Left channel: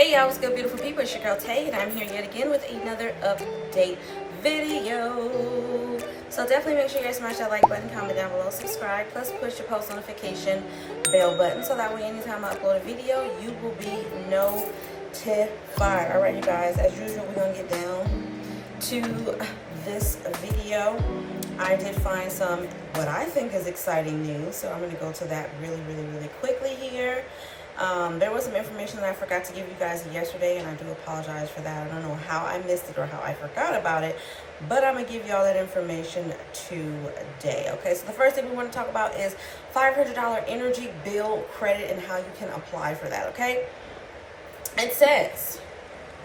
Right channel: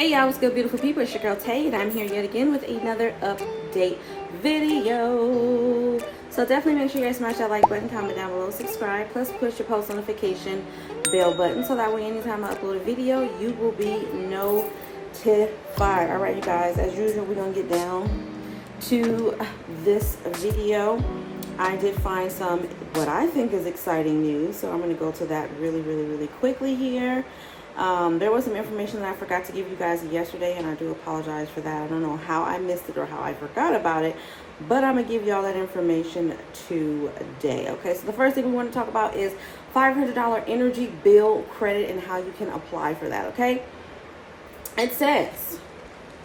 Hey y'all, what's good, beautiful people? It's your girl Tay, and I'm here yet again with another update video. So definitely make sure you smash that like button, comment down below, subscribe, plus push the post notification bell button so that way anytime I upload a video, you will be notified. Alright, you guys, as usual, we're gonna get down to this video. I did find some what I think is exciting news, so I'm going to go to that really quickly here. There was some information that I forgot to give you guys yesterday, and I do apologize for that. I don't know how I missed it or how I forgot about it, but I'm going to give you all that information today. Okay, so the first thing we want to talk about is $500 energy bill credit and how you can apply for that. Okay, it says,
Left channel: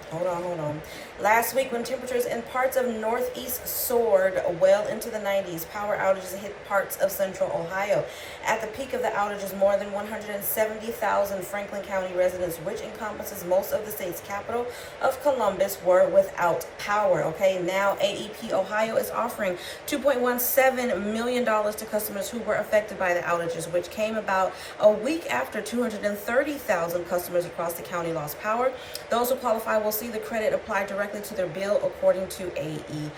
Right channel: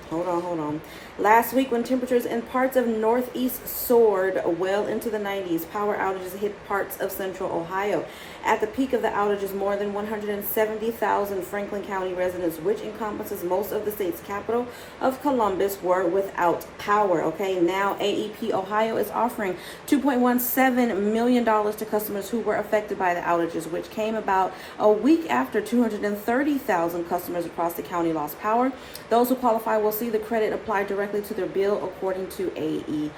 hold on. Last week, when temperatures in parts of Northeast soared well into the 90s, power outages hit parts of central Ohio. At the peak of the outages, more than 170,000 Franklin County residents, which encompasses most of the state's capital of Columbus, were without power. Okay, now AEP Ohio is offering $2.17 million to customers who were affected by the outages, which came about a week after 230,000 customers across the county lost power. Those who qualify will see the credit applied directly to their bill according to AEP.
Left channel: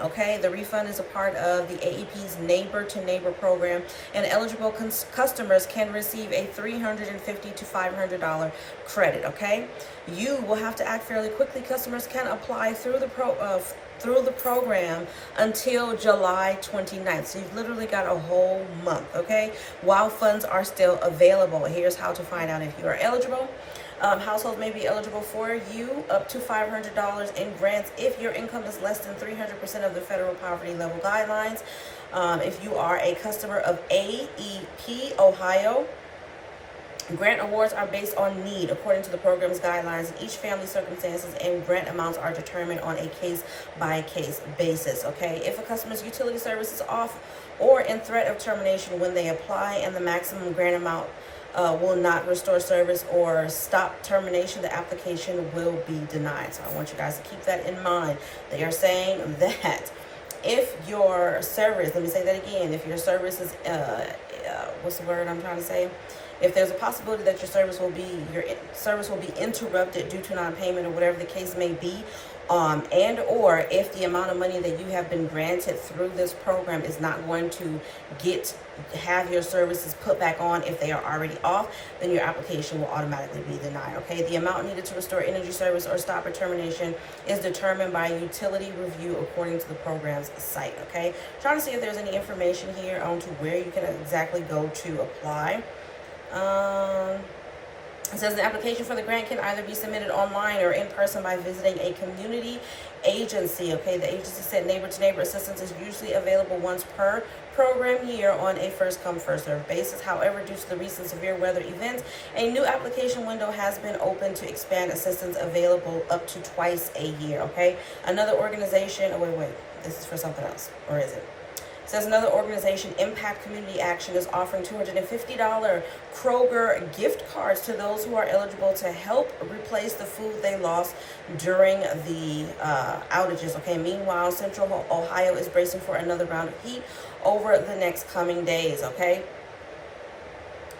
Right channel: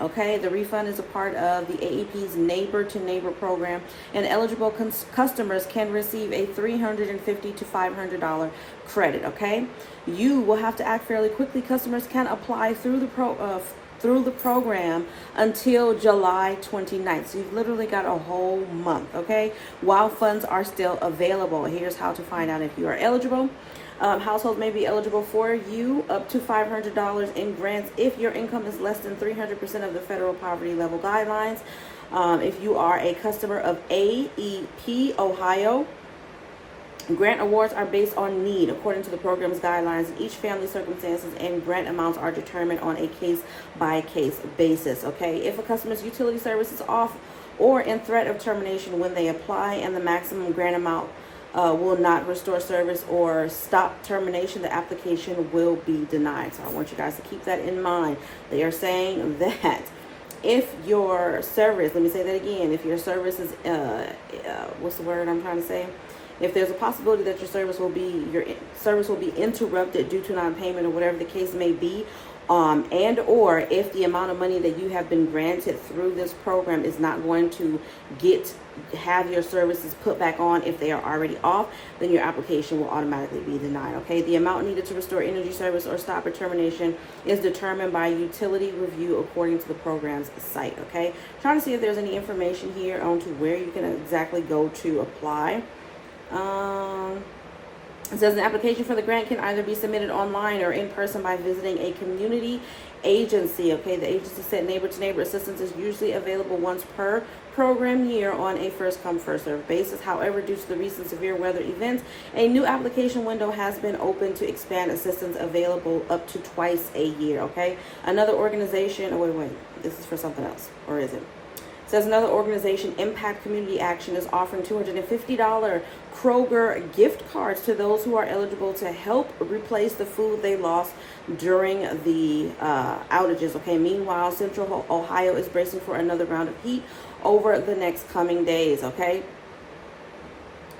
Okay, the refund is a part of the AEP's Neighbor to Neighbor program, and eligible customers can receive a $350 to $500 credit. Okay, you will have to act fairly quickly. Customers can apply through the program until July 29th. So you've literally got a whole month, okay, while funds are still available. Here's how to find out if you are eligible. Households may be eligible for you up to $500 in grants if your income is less than 300% of the federal poverty level guidelines. If you are a customer of AEP Ohio, grant awards are based on need according to the program's guidelines, and each family's circumstances and grant amounts are determined on a case-by-case basis. Okay, if a customer's utility service is off or in threat of termination when they apply, and the maximum grant amount will not restore service or stop termination, the application will be denied. So I want you guys to keep that in mind. They are saying that if your service, let me say that again, if your service is, what's the word I'm trying to say? If there's a possibility that your service will be interrupted due to non-payment or whatever the case may be, and or if the amount of money that you have been granted through this program is not going to have your services put back on if they are already off, then your application will automatically be denied. Okay, the amount needed to restore energy service or stop or termination is determined by utility review according to the program's site. Okay, trying to see if there's any information here on to where you can exactly go to apply. It says an application for the grant can either be submitted online or in person by visiting a community agency. Okay, the agency said Neighbor to Neighbor assistance is usually available once per program year on a first come first served basis. However, due to the recent severe weather events, a new application window has been opened to expand assistance available up to twice a year. Okay, another organization, wait, this is for something else, or is it? Says another organization, Impact Community Action, is offering $250 Kroger gift cards to those who are eligible to help replace the food they lost during the outages. Okay, meanwhile, Central Ohio is bracing for another round of heat over the next coming days. Okay,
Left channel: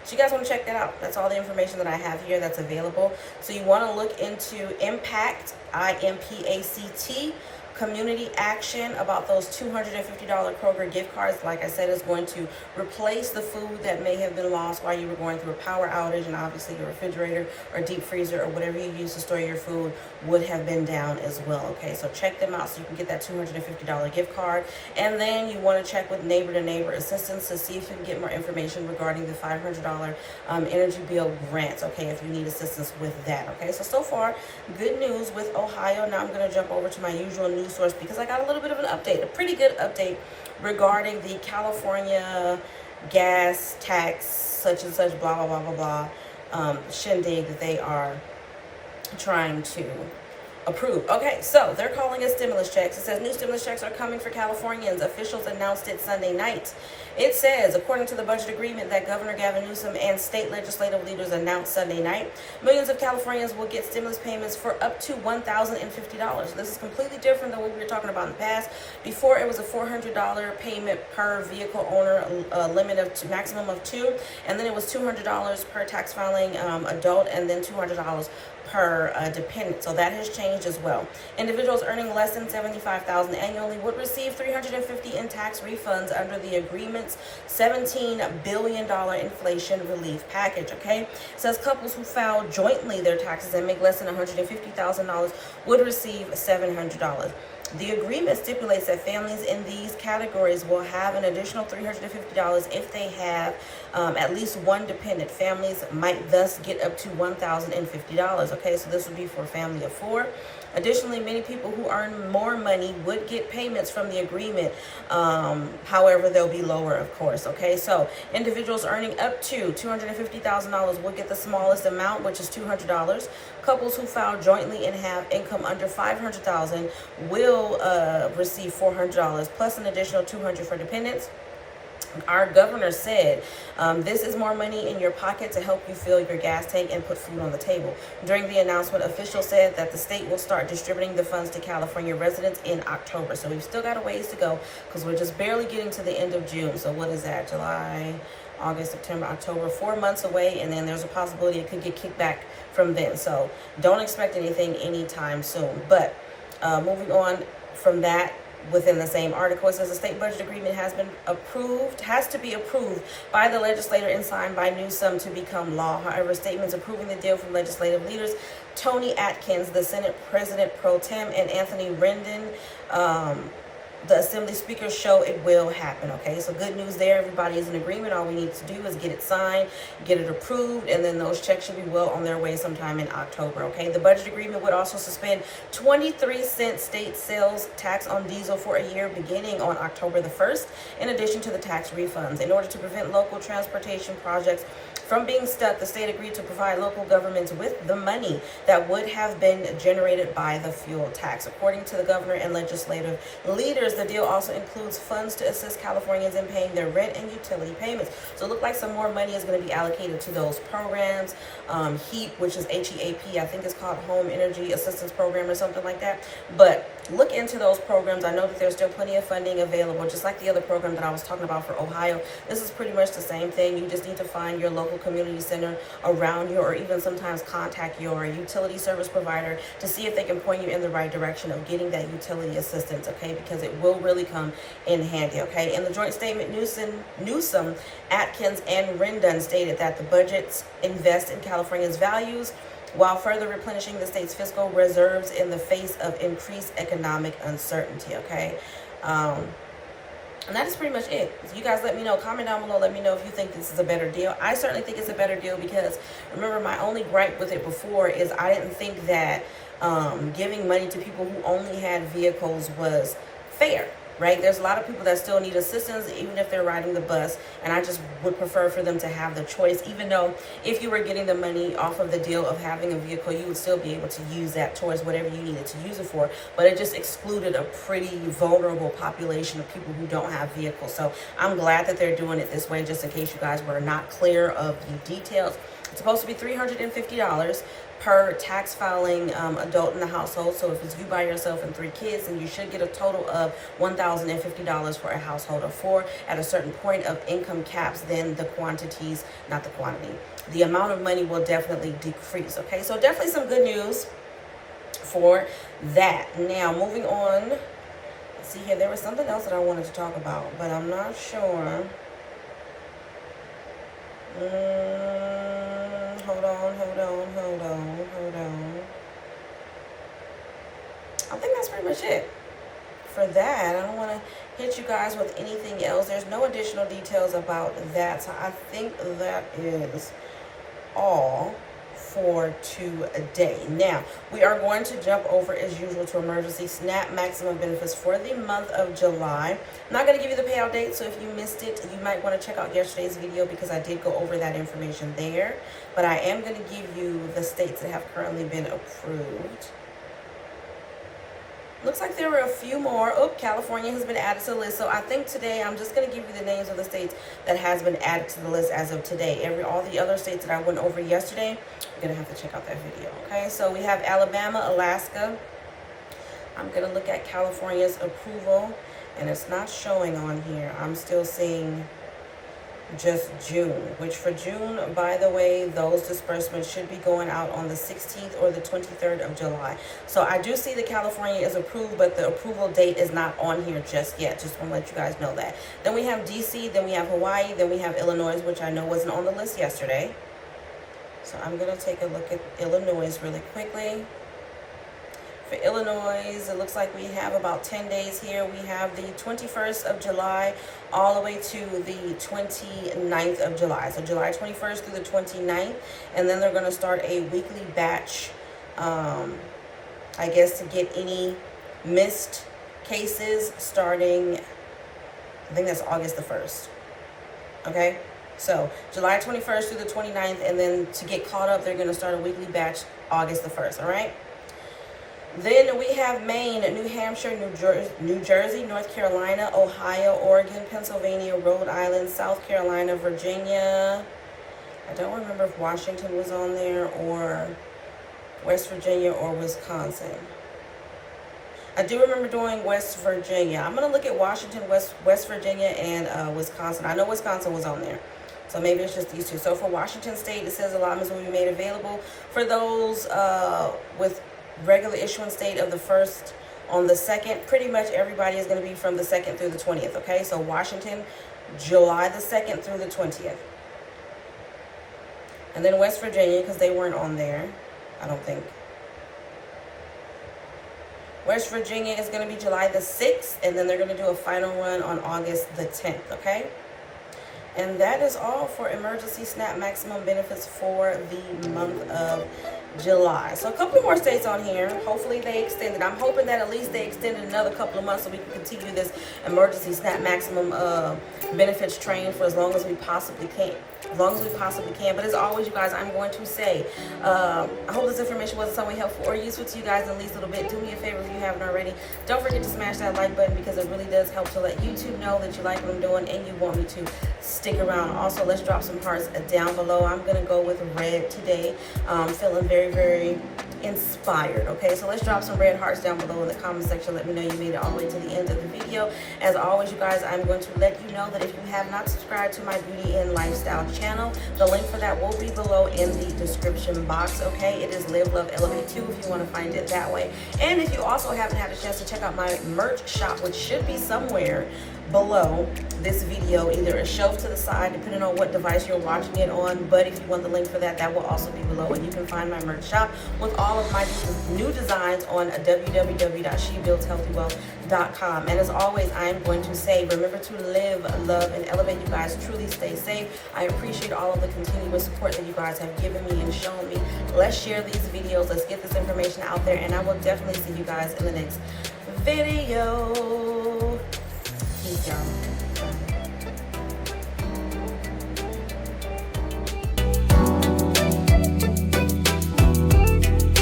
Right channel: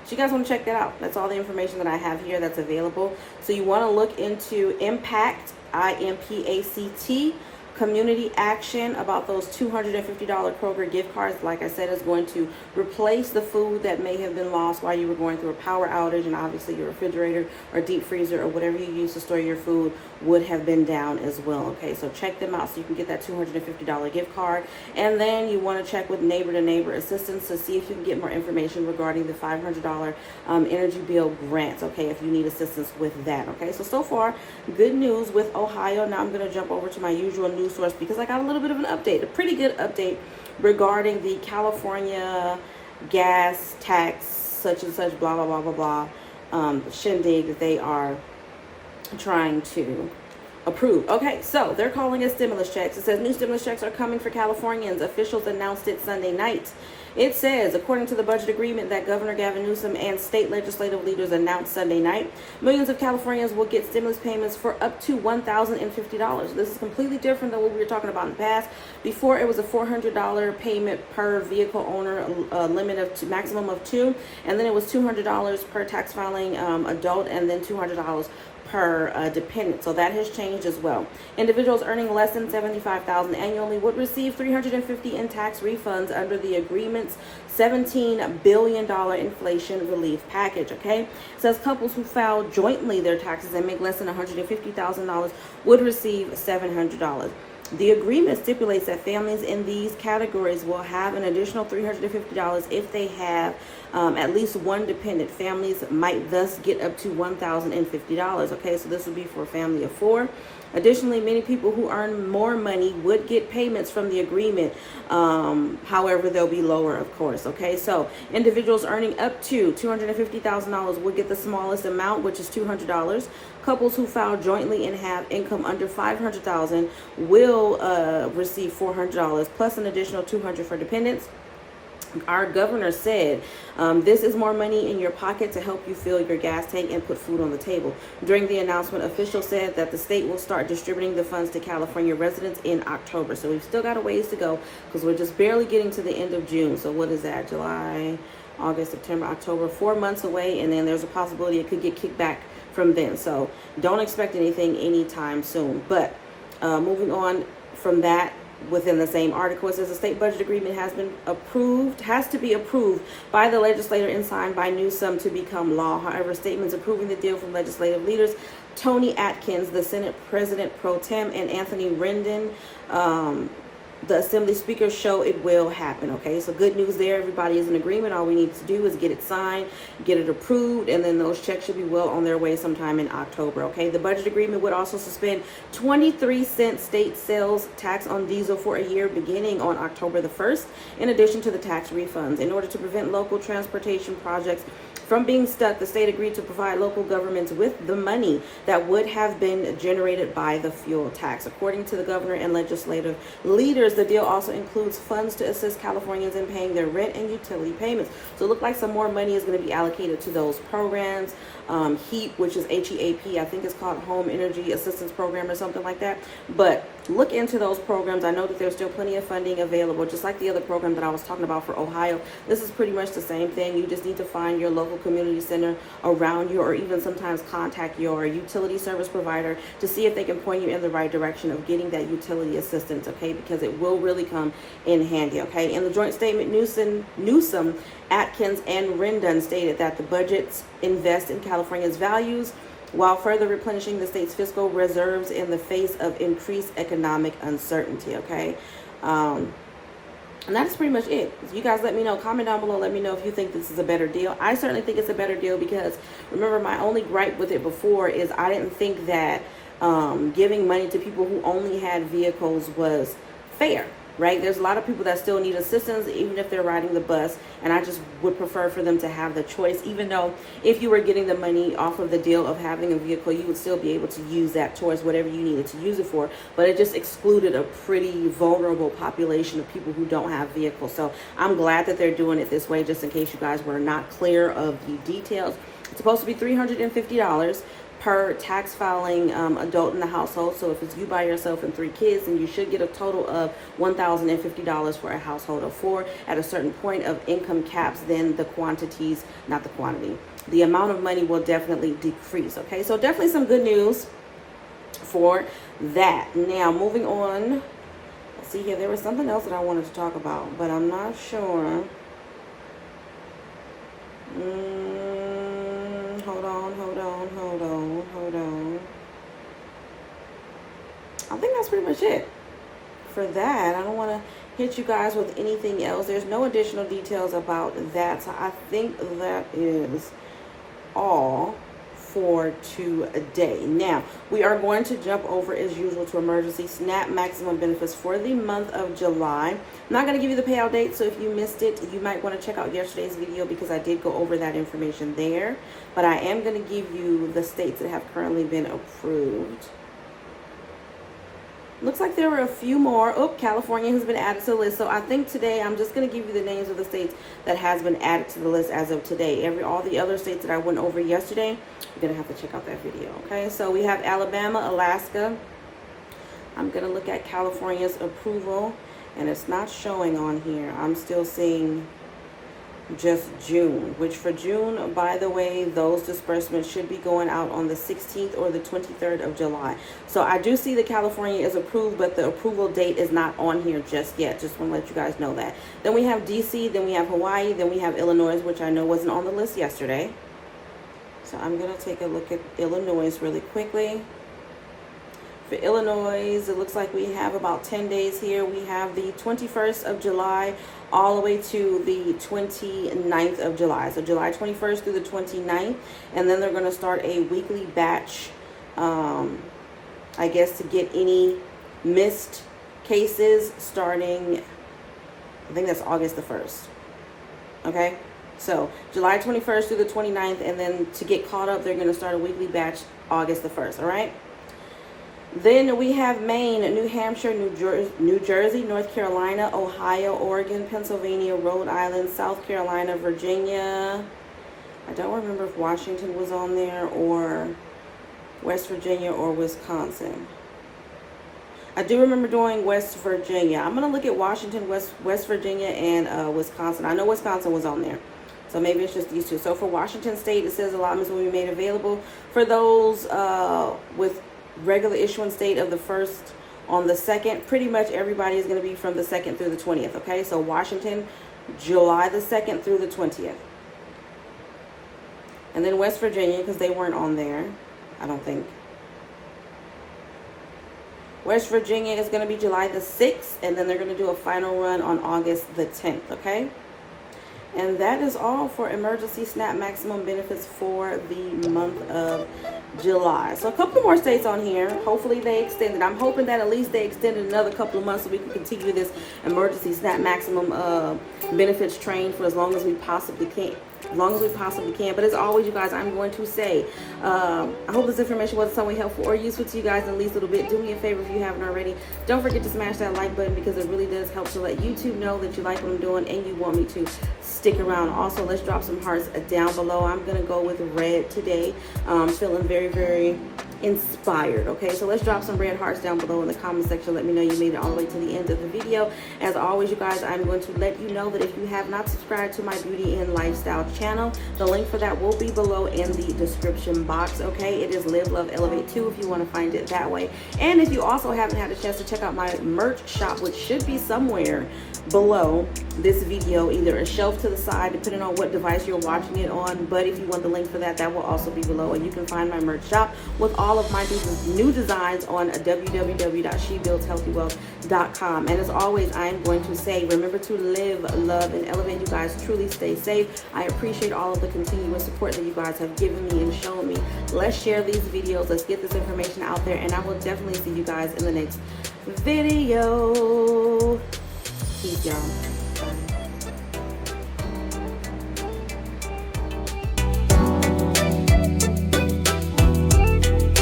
so you guys want to check that out. That's all the information that I have here that's available. So you want to look into Impact, IMPACT, Community Action, about those $250 Kroger gift cards. Like I said, is going to replace the food that may have been lost while you were going through a power outage, and obviously your refrigerator or deep freezer or whatever you use to store your food would have been down as well. Okay, so check them out so you can get that $250 gift card. And then you want to check with Neighbor to Neighbor assistance to see if you can get more information regarding the $500 energy bill grants. Okay, if you need assistance with that. Okay, so far good news with Ohio. Now I'm going to jump over to my usual news source because I got a little bit of an update, a pretty good update regarding the California gas tax, such and such, blah, blah, blah, blah, blah, shindig that they are trying to approve. Okay, so they're calling it stimulus checks. It says new stimulus checks are coming for Californians. Officials announced it Sunday night. It says, according to the budget agreement that Governor Gavin Newsom and state legislative leaders announced Sunday night, millions of Californians will get stimulus payments for up to $1,050. This is completely different than what we were talking about in the past. Before, it was a $400 payment per vehicle owner, limit of maximum of two, and then it was $200 per tax filing adult, and then $200 per dependent. So that has changed as well. Individuals earning less than $75,000 annually would receive $350 in tax refunds under the agreement's $17 billion inflation relief package. Okay, it says couples who file jointly their taxes and make less than $150,000 would receive $700. The agreement stipulates that families in these categories will have an additional $350 if they have at least one dependent. Families might thus get up to $1,050. Okay, so this would be for a family of 4. Additionally, many people who earn more money would get payments from the agreement. However, they'll be lower, of course. Okay, so individuals earning up to $250,000 will get the smallest amount, which is $200. Couples who file jointly and have income under $500,000 will receive $400 plus an additional $200 for dependents. Our governor said this is more money in your pocket to help you fill your gas tank and put food on the table. During the announcement, officials said that the state will start distributing the funds to California residents in October. So we've still got a ways to go because we're just barely getting to the end of June. So what is that? July, August, September, October, 4 months away. And then there's a possibility it could get kicked back from then. So don't expect anything anytime soon. But moving on from that, within the same article, it says the state budget agreement has to be approved by the legislature and signed by Newsom to become law. However, statements approving the deal from legislative leaders Tony Atkins, the Senate President Pro Tem, and Anthony Rendon, the Assembly Speaker, show it will happen. Okay, so good news there. Everybody is in agreement. All we need to do is get it signed, get it approved, and then those checks should be well on their way sometime in October. Okay, the budget agreement would also suspend 23-cent state sales tax on diesel for a year beginning on October the 1st, in addition to the tax refunds. In order to prevent local transportation projects from being stuck, the state agreed to provide local governments with the money that would have been generated by the fuel tax. According to the governor and legislative leaders, the deal also includes funds to assist Californians in paying their rent and utility payments. So it looks like some more money is going to be allocated to those programs. HEAP, which is HEAP, I think it's called Home Energy Assistance Program or something like that. But look into those programs. I know that there's still plenty of funding available, just like the other program that I was talking about for Ohio. This is pretty much the same thing. You just need to find your local community center around you, or even sometimes contact your utility service provider to see if they can point you in the right direction of getting that utility assistance, okay, because it will really come in handy. Okay, in the joint statement, Newsom, Atkins, and Rendon stated that the budgets invest in California's values while further replenishing the state's fiscal reserves in the face of increased economic uncertainty. Okay, and that is pretty much it. So you guys let me know, comment down below, let me know if you think this is a better deal. I certainly think it's a better deal because, remember, my only gripe with it before is I didn't think that giving money to people who only had vehicles was fair. Right? There's a lot of people that still need assistance, even if they're riding the bus, and I just would prefer for them to have the choice, even though if you were getting the money off of the deal of having a vehicle, you would still be able to use that towards whatever you needed to use it for, but it just excluded a pretty vulnerable population of people who don't have vehicles. So I'm glad that they're doing it this way, just in case you guys were not clear of the details. It's supposed to be $350 per tax filing adult in the household. So if it's you by yourself and 3 kids, then you should get a total of $1,050 for a household of 4. At a certain point of income caps, then the quantities, not the quantity, the amount of money will definitely decrease. Okay, so definitely some good news for that. Now, moving on. Let's see here. There was something else that I wanted to talk about, but I'm not sure. Hold on. I think that's pretty much it for that. I don't want to hit you guys with anything else. There's no additional details about that. So I think that is all for today. Now, we are going to jump over as usual to emergency SNAP maximum benefits for the month of July. I'm not going to give you the payout date, so if you missed it, you might want to check out yesterday's video because I did go over that information there. But I am going to give you the states that have currently been approved. Looks like there were a few more. Oh, California has been added to the list. So I think today I'm just going to give you the names of the states that has been added to the list as of today. All the other states that I went over yesterday, you're going to have to check out that video. Okay, so we have Alabama, Alaska. I'm going to look at California's approval, and it's not showing on here. I'm still seeing just June, which for June, by the way, those disbursements should be going out on the 16th or the 23rd of July. So I do see that California is approved, but the approval date is not on here just yet. Just want to let you guys know that. Then we have DC, then we have Hawaii, then we have Illinois, which I know wasn't on the list yesterday. So I'm going to take a look at Illinois really quickly. For Illinois, it looks like we have about 10 days here. We have the 21st of July all the way to the 29th of July. So July 21st through the 29th. And then they're going to start a weekly batch, I guess, to get any missed cases starting, I think that's August the 1st. Okay? So July 21st through the 29th. And then to get caught up, they're going to start a weekly batch August the 1st. All right? Then we have Maine, New Hampshire, New Jersey, North Carolina, Ohio, Oregon, Pennsylvania, Rhode Island, South Carolina, Virginia. I don't remember if Washington was on there or West Virginia or Wisconsin. I do remember doing West Virginia. I'm going to look at Washington, West Virginia, and Wisconsin. I know Wisconsin was on there. So maybe it's just these two. So for Washington State, it says allotments will be made available for those with regular issuance date of the 1st on the 2nd. Pretty much everybody is going to be from the 2nd through the 20th. Okay, so Washington, July the 2nd through the 20th. And then West Virginia, because they weren't on there, I don't think. West Virginia is going to be July the 6th, and then they're going to do a final run on August the 10th. Okay. And that is all for emergency SNAP maximum benefits for the month of July. So a couple more states on here. Hopefully they extended. I'm hoping that at least they extended another couple of months so we can continue this emergency SNAP maximum benefits train for as long as we possibly can. But as always, you guys, I'm going to say, I hope this information was somewhat helpful or useful to you guys in at least a little bit. Do me a favor if you haven't already. Don't forget to smash that like button because it really does help to let YouTube know that you like what I'm doing and you want me to stick around. Also, let's drop some hearts down below. I'm going to go with red today. Feeling very, very inspired. Okay, so let's drop some red hearts down below in the comment section. Let me know you made it all the way to the end of the video. As always, you guys, I'm going to let you know that if you have not subscribed to my beauty and lifestyle channel, the link for that will be below in the description box. Okay, it is Live Love Elevate 2 if you want to find it that way. And if you also haven't had a chance to check out my merch shop, which should be somewhere below this video, either a shelf to the side depending on what device you're watching it on, but if you want the link for that, that will also be below, and you can find my merch shop with all of my new designs on www.shebuildshealthywealth.com. And as always, I am going to say, remember to live, love, and elevate. You guys truly stay safe. I appreciate all of the continuous support that you guys have given me and shown me. Let's share these videos. Let's get this information out there, and I will definitely see you guys in the next video.